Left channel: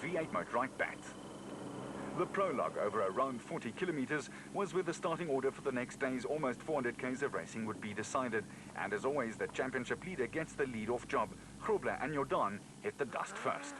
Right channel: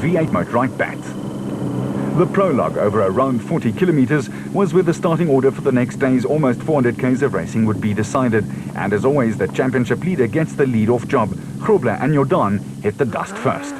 V8 motorized bat. The prologue over around 40 kilometers was where the starting order for the next day's almost 400 k's of racing would be decided. And as always, the championship leader gets the lead-off job. Grobler and Jordan hit the dust first.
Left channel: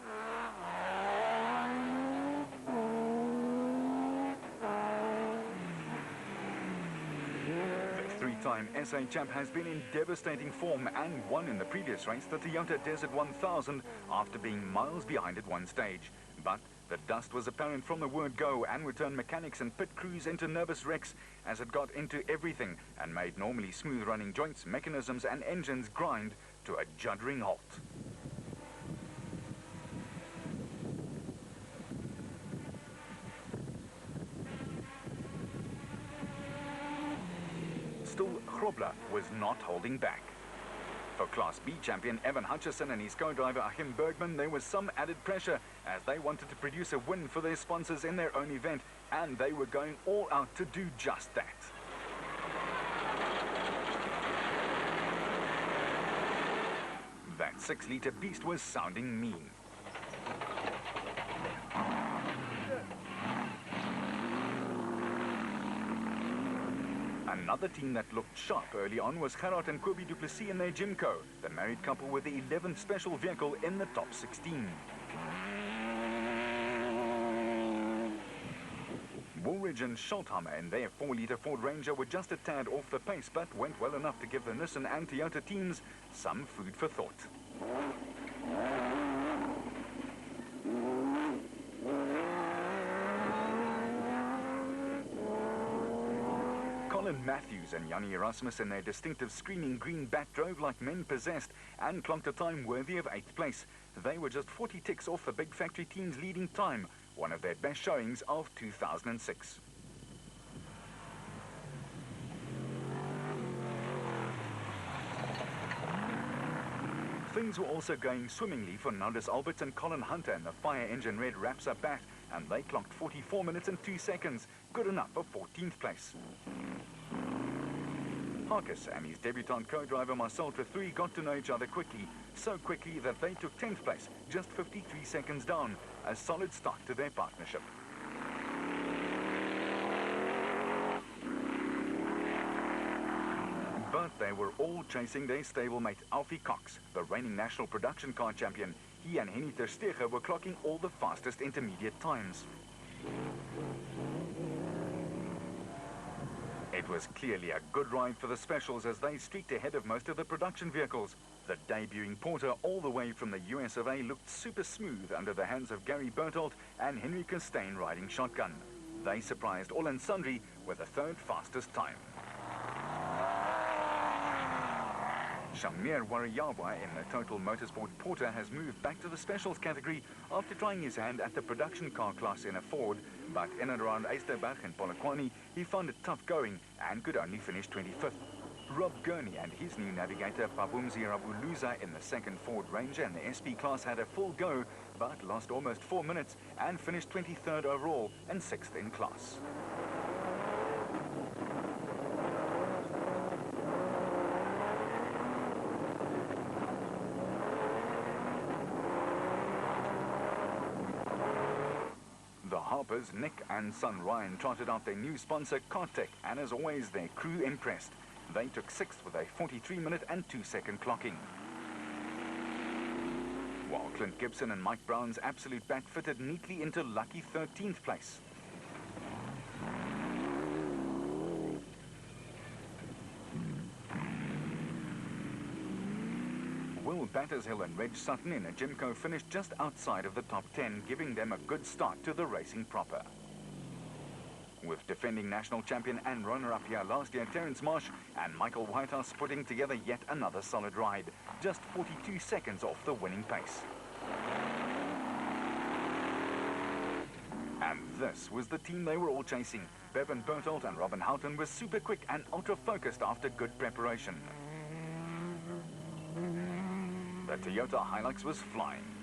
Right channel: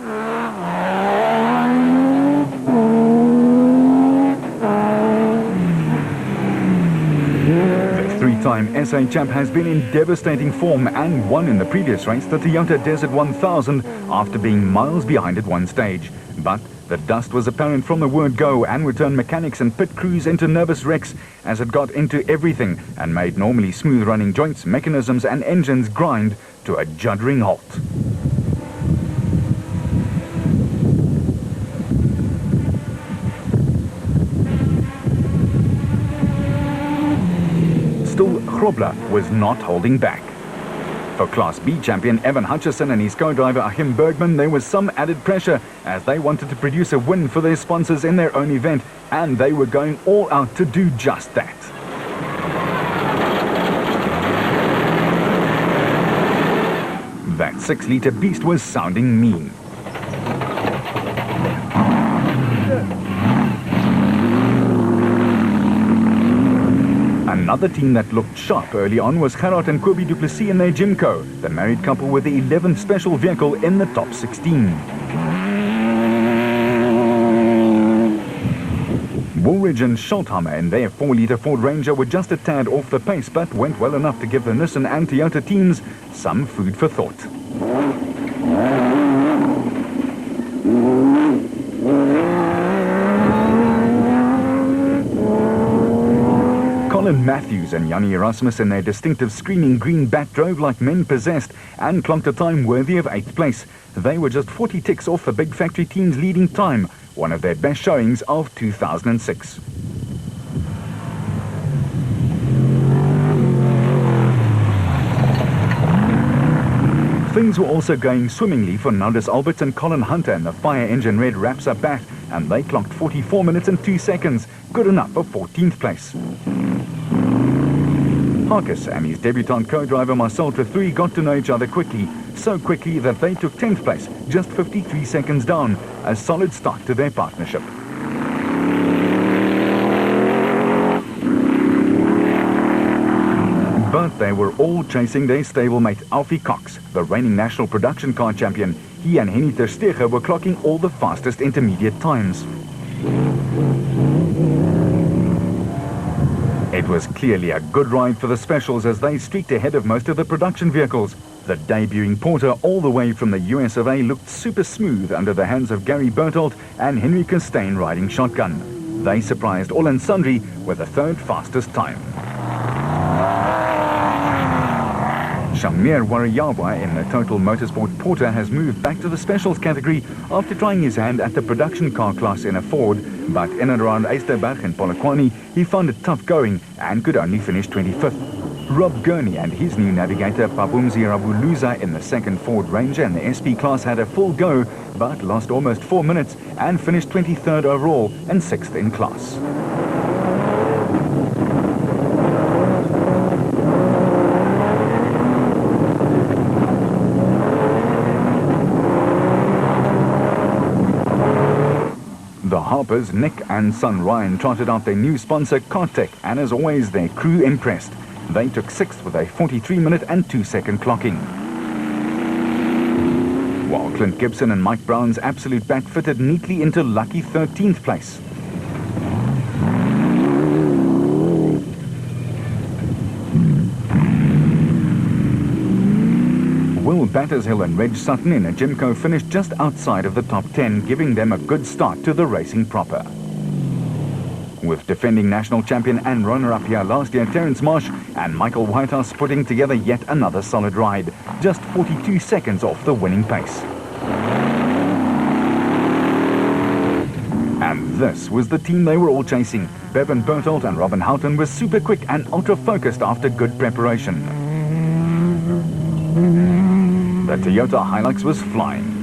The three-time SA champ has been in devastating form and won in the previous race, the Toyota Desert 1000, after being miles behind at one stage. But the dust was apparent from the word go and would turn mechanics and pit crews into nervous wrecks as it got into everything and made normally smooth running joints, mechanisms and engines grind to a juddering halt. Still, Grobler was not holding back. For Class B champion Evan Hutchison and his co-driver Achim Bergman, there was some added pressure as they wanted to produce a win for their sponsors in their own event, and they were going all out to do just that. That 6-litre beast was sounding mean. Another team that looked sharp early on was Gerard and Kobe du Plessis in their Jimco, the married couple with the 11th special vehicle in the top 16. Woolridge and Schultheimer in their 4-litre Ford Ranger were just a tad off the pace, but went well enough to give the Nissan and Toyota teams some food for thought. Colin Matthews and Yanni Erasmus in their distinctive screaming green bat drove like men possessed and clocked a time worthy of 8th place. They were just 40 ticks off the big factory team's leading time, one of their best showings of 2006. Things were also going swimmingly for Naldus Alberts and Colin Hunter, and the Fire Engine Red wraps up bat, and they clocked 44 minutes and 2 seconds, good enough for 14th place. Harkis and his debutant co-driver Marcel Trethry got to know each other quickly, so quickly that they took 10th place, just 53 seconds down, a solid start to their partnership. But they were all chasing their stablemate Alfie Cox, the reigning national production car champion. He and Henny ter Steege were clocking all the fastest intermediate times. It was clearly a good ride for the specials as they streaked ahead of most of the production vehicles. The debuting Porter all the way from the US of A looked super smooth under the hands of Gary Berthold and Henry Costain riding shotgun. They surprised all and sundry with the third fastest time. Shamir Wariyawa in the Total Motorsport Porter has moved back to the specials category after trying his hand at the production car class in a Ford, but in and around Eysterberg and Polokwane, he found it tough going and could only finish 25th. Rob Gurney and his new navigator Pabumzi Rabuluza in the second Ford Ranger and the SP class had a full go, but lost almost 4 minutes and finished 23rd overall and 6th in class. The Harpers, Nick and son Ryan, trotted out their new sponsor Kartech, and as always their crew impressed. They took 6th with a 43-minute and 2-second clocking. While Clint Gibson and Mike Brown's Absolute Bat fitted neatly into lucky 13th place. Will Battershill and Reg Sutton in a Jimco finished just outside of the top 10, giving them a good start to the racing proper. With defending national champion and runner-up here last year Terence Marsh and Michael Whitehouse putting together yet another solid ride, just 42 seconds off the winning pace. And this was the team they were all chasing. Bevan Berthold and Robin Houghton were super quick and ultra-focused after good preparation. The Toyota Hilux was flying.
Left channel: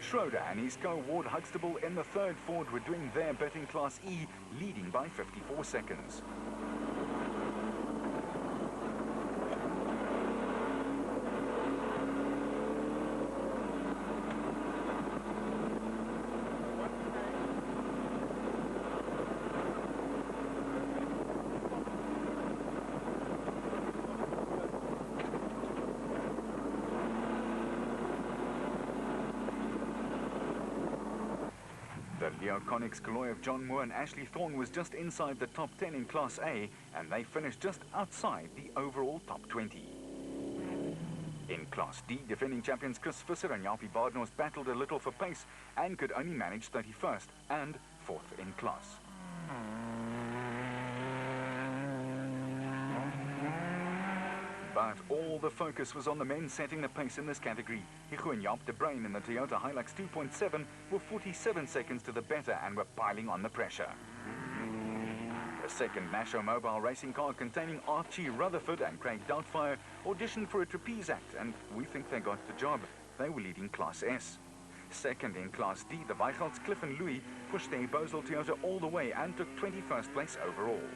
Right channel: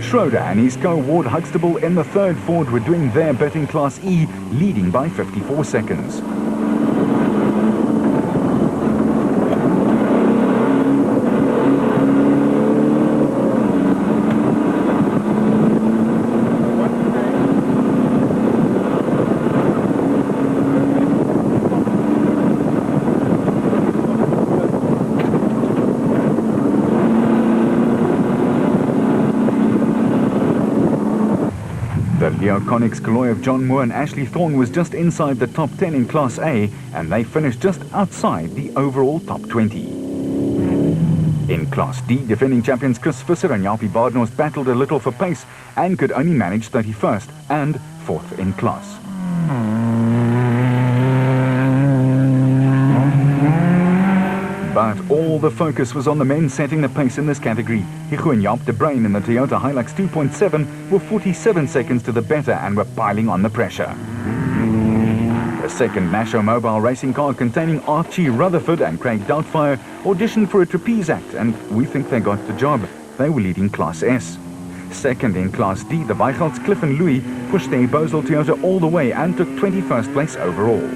Schroeder and his co-Ward Huxtable in the third Ford were doing their bit in Class E, leading by 54 seconds. The Leo Connick's Kaloy of John Moore and Ashley Thorne was just inside the top 10 in Class A, and they finished just outside the overall top 20. In Class D, defending champions Chris Visser and Japie Badenhorst battled a little for pace and could only manage 31st and 4th in class. But all the focus was on the men setting the pace in this category. Higo and Jaap de Bruin in the Toyota Hilux 2.7 were 47 seconds to the better and were piling on the pressure. The second Nasho mobile racing car containing Archie Rutherford and Craig Doubtfire auditioned for a trapeze act, and we think they got the job. They were leading Class S. Second in Class D, the Weichelts Cliff and Louis pushed their Bosel Toyota all the way and took 21st place overall.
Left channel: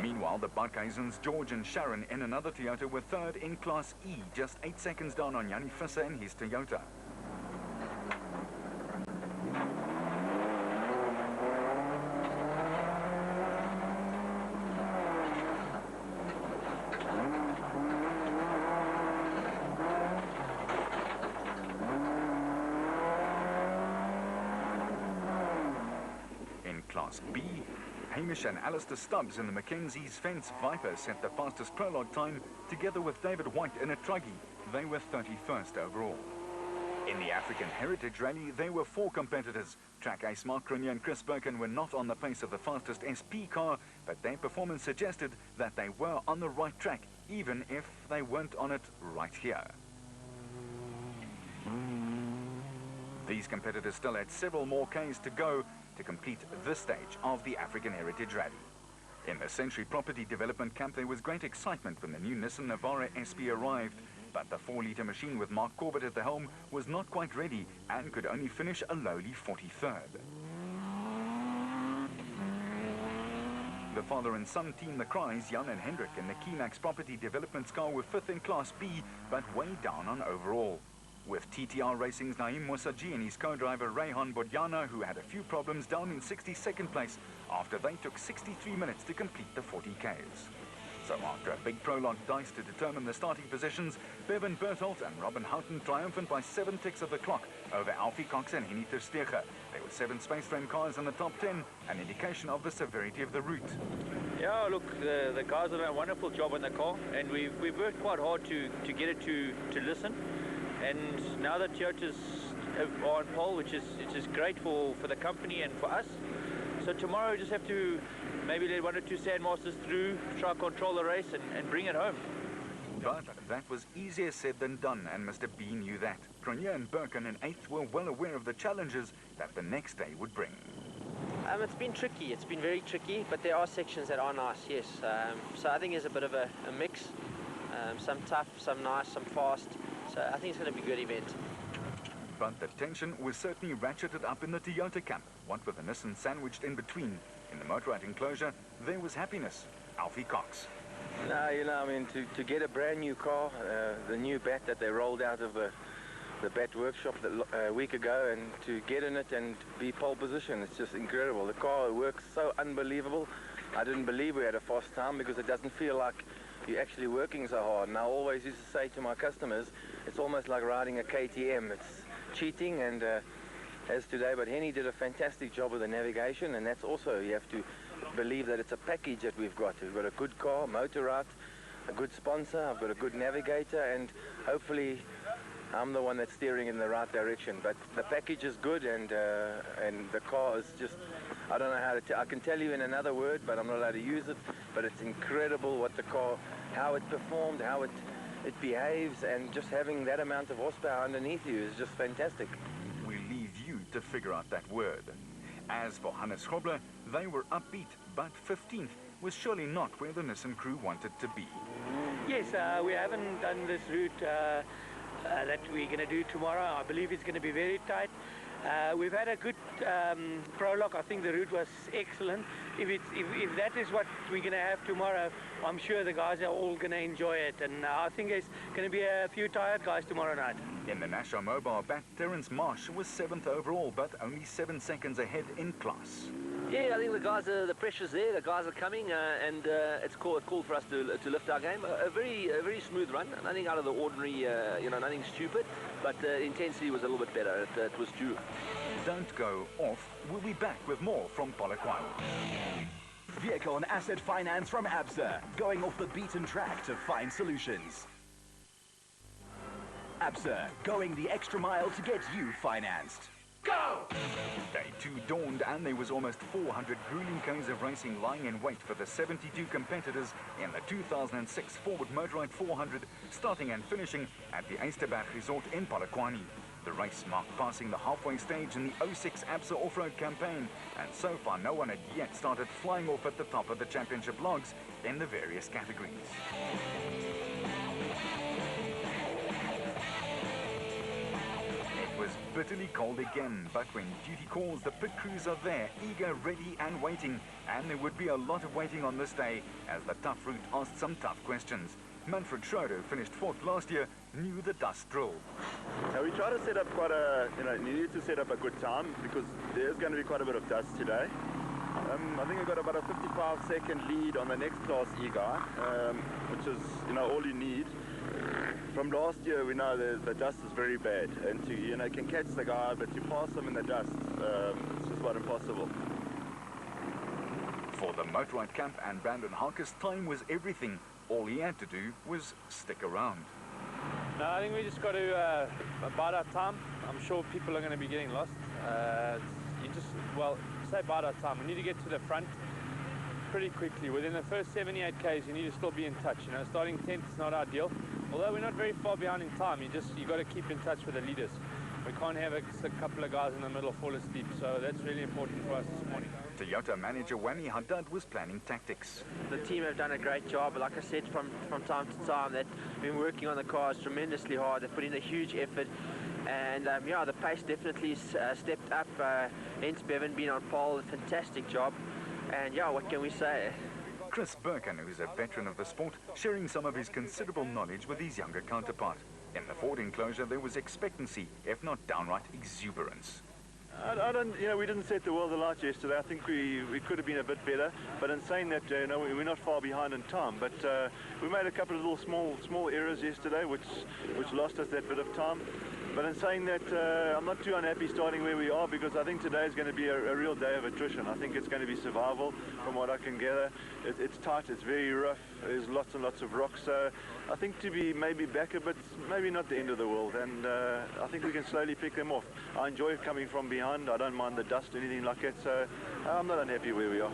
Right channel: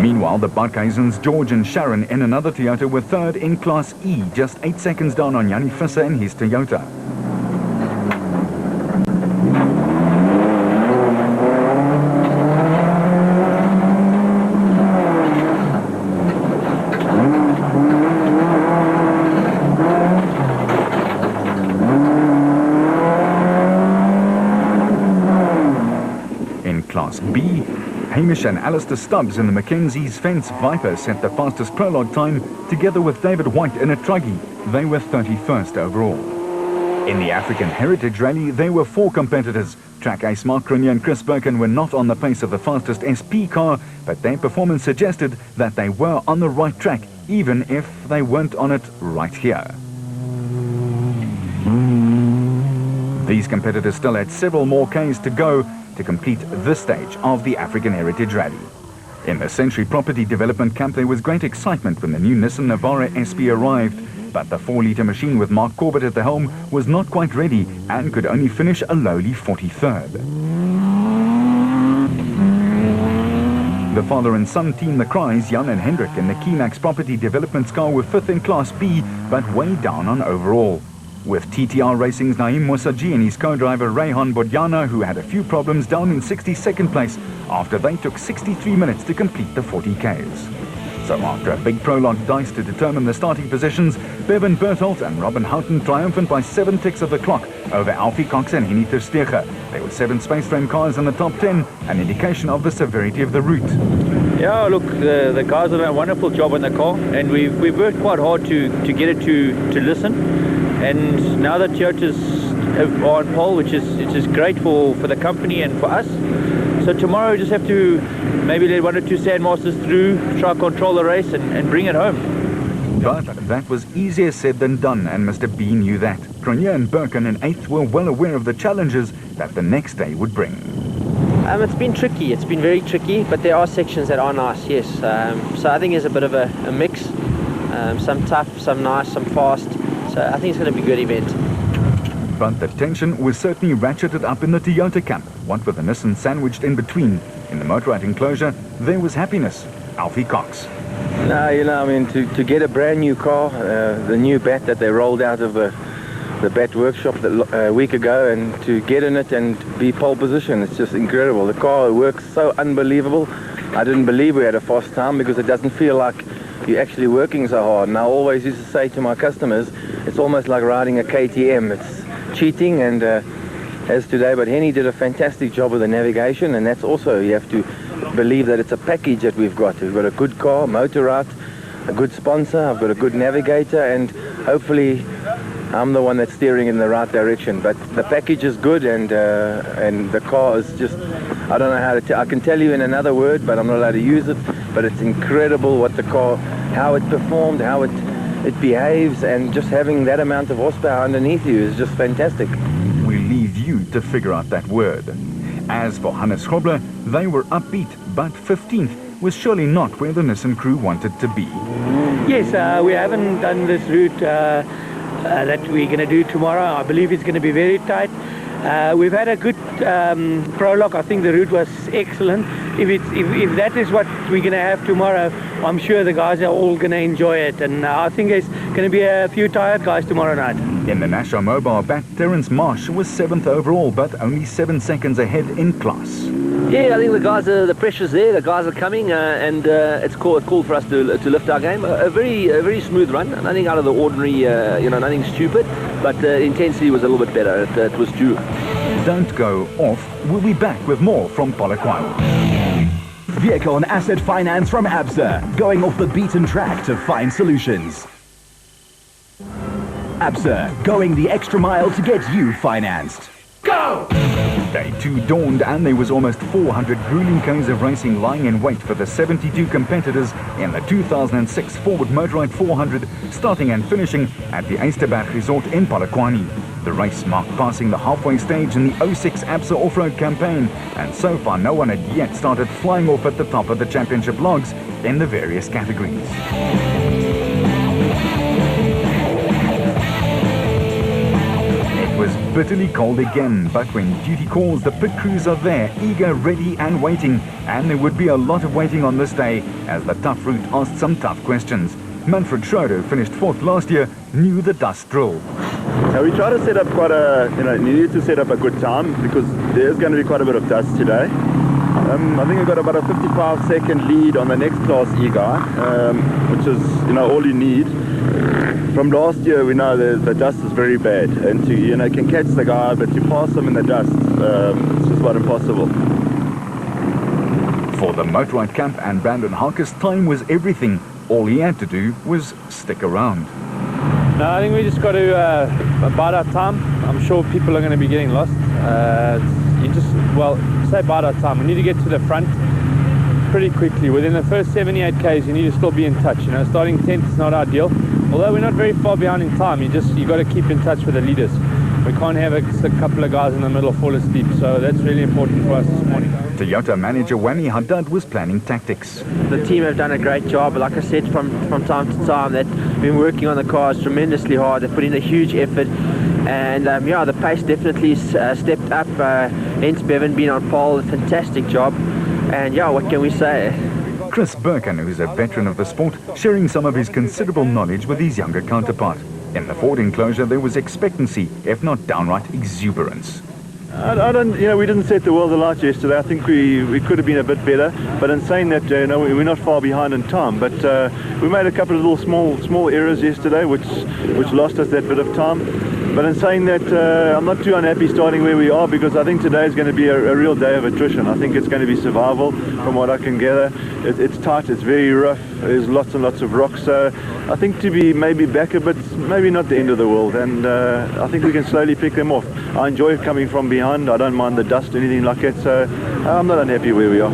Meanwhile, the Barkhuizens, George and Sharon in another Toyota were third in Class E, just 8 seconds down on Jannie Visser in his Toyota. In Class B, Hamish and Alistair Stubbs in the Mackenzie's Fence Viper set the fastest prologue time, together with David White in a Truggy. They were 31st overall. In the African Heritage Rally, there were 4 competitors. Track ace Mark Cronje and Chris Birkin were not on the pace of the fastest SP car, but their performance suggested that they were on the right track, even if they weren't on it right here. These competitors still had several more Ks to go to complete this stage of the African Heritage Rally. In the Century Property Development Camp, there was great excitement when the new Nissan Navara SP arrived, but the 4-litre machine with Mark Corbett at the helm was not quite ready and could only finish a lowly 43rd. The father and son team the Cries, Jan and Hendrik, in the Keenax Property Development car were 5th in Class B, but way down on overall. With TTR Racing's Naeem Mosaji and his co-driver Rayhan Bodjana, who had a few problems, down in 62nd place after they took 63 minutes to complete the 40 Ks. So after a big prologue dice to determine the starting positions, Bevan Berthold and Robin Houghton triumphant by 7 ticks of the clock over Alfie Cox and Henny Terstege. There were 7 space frame cars in the top 10, an indication of the severity of the route. Yeah, look, the guys have done a wonderful job on the car, and we've worked quite hard to get it to listen. And now that Toyotas are on pole, which is great for the company and for us. So tomorrow we just have to maybe let 1 or 2 Sandmasters through, try to control the race and bring it home. But that was easier said than done, and Mr. B knew that. Cronje and Birkin in 8th were well aware of the challenges that the next day would bring. It's been tricky, it's been very tricky, but there are sections that are nice, yes. So I think there's a bit of a mix, some tough, some nice, some fast. So I think it's going to be a good event. But the tension was certainly ratcheted up in the Toyota camp, what with the Nissan sandwiched in between. In the motorrad enclosure, there was happiness. Alfie Cox. No, you know, I mean, to get a brand new car, the new bat that they rolled out of the bat workshop a week ago, and to get in it and be pole position, it's just incredible. The car works so unbelievable. I didn't believe we had a fast time because it doesn't feel like you're actually working so hard. And I always used to say to my customers, it's almost like riding a KTM. It's cheating, and as today, but Henny did a fantastic job with the navigation, and that's also, you have to believe that it's a package that we've got. We've got a good car, Motorrad, a good sponsor, I've got a good navigator, and hopefully I'm the one that's steering in the right direction. But the package is good, and the car is just, I don't know how to I can tell you in another word, but I'm not allowed to use it. But it's incredible what the car, how it performed, how it behaves, and just having that amount of horsepower underneath you is just fantastic. We leave you to figure out that word. As for Hannes Grobler, they were upbeat, but 15th was surely not where the Nissan crew wanted to be. Yes, we haven't done this route that we're going to do tomorrow. I believe it's going to be very tight. We've had a good prologue. I think the route was excellent. If that is what we're going to have tomorrow, I'm sure the guys are all going to enjoy it. And I think there's going to be a few tired guys tomorrow night. In the Nasho Mobile bat, Terence Marsh was 7th overall, but only 7 seconds ahead in class. Yeah, I think the pressure's there. The guys are coming, and it's called for us to lift our game. A very smooth run. Nothing out of the ordinary. Nothing stupid, but the intensity was a little bit better. It was due. Don't go off. We'll be back with more from Polokwane. Vehicle and asset finance from ABSA, going off the beaten track to find solutions. ABSA, going the extra mile to get you financed. Go! Day 2 dawned and there was almost 400 grueling k's of racing lying in wait for the 72 competitors in the 2006 Ford Motorride 400, starting and finishing at the Eysterberg Resort in Polokwane. The race marked passing the halfway stage in the 06 ABSA off-road campaign, and so far no one had yet started flying off at the top of the championship logs in the various categories. It was bitterly cold again, but when duty calls, the pit crews are there, eager, ready and waiting, and there would be a lot of waiting on this day as the tough route asked some tough questions. Manfred Schroeder, finished 4th last year, knew the dust drill. So we try to set up you need to set up a good time because there's going to be quite a bit of dust today. I think we've got about a 55-second lead on the next Class E guy, which is, all you need. From last year, we know the dust is very bad, and to, can catch the guy, but to pass him in the dust, it's just about impossible. For the Motorride Camp and Brandon Harkis, time was everything. All he had to do was stick around. No, I think we just got to bide our time. I'm sure people are going to be getting lost. Say bide our time. We need to get to the front pretty quickly. Within the first 78 Ks, you need to still be in touch. Starting 10th is not ideal. Although we're not very far behind in time, you got to keep in touch with the leaders. We can't have a couple of guys in the middle fall asleep, so that's really important for us this morning. Toyota manager Wani Haddad was planning tactics. The team have done a great job. Like I said, from time to time, they've been working on the cars tremendously hard. They've put in a huge effort, and the pace definitely stepped up. Hence Bevan being on pole, a fantastic job. And what can we say? Chris Birkin, who's a veteran of the sport, sharing some of his considerable knowledge with his younger counterpart. In the Ford enclosure, there was expectancy, if not downright exuberance. We didn't set the world alight yesterday. I think we could have been a bit better. But in saying that, we're not far behind in time. But we made a couple of little small errors yesterday, which lost us that bit of time. But in saying that, I'm not too unhappy starting where we are because I think today is going to be a real day of attrition. I think it's going to be survival from what I can gather. It's tight, it's very rough, there's lots and lots of rocks. So I think to be maybe back a bit, maybe not the end of the world. And I think we can slowly pick them off. I enjoy coming from behind. I don't mind the dust or anything like that. So I'm not unhappy where we are.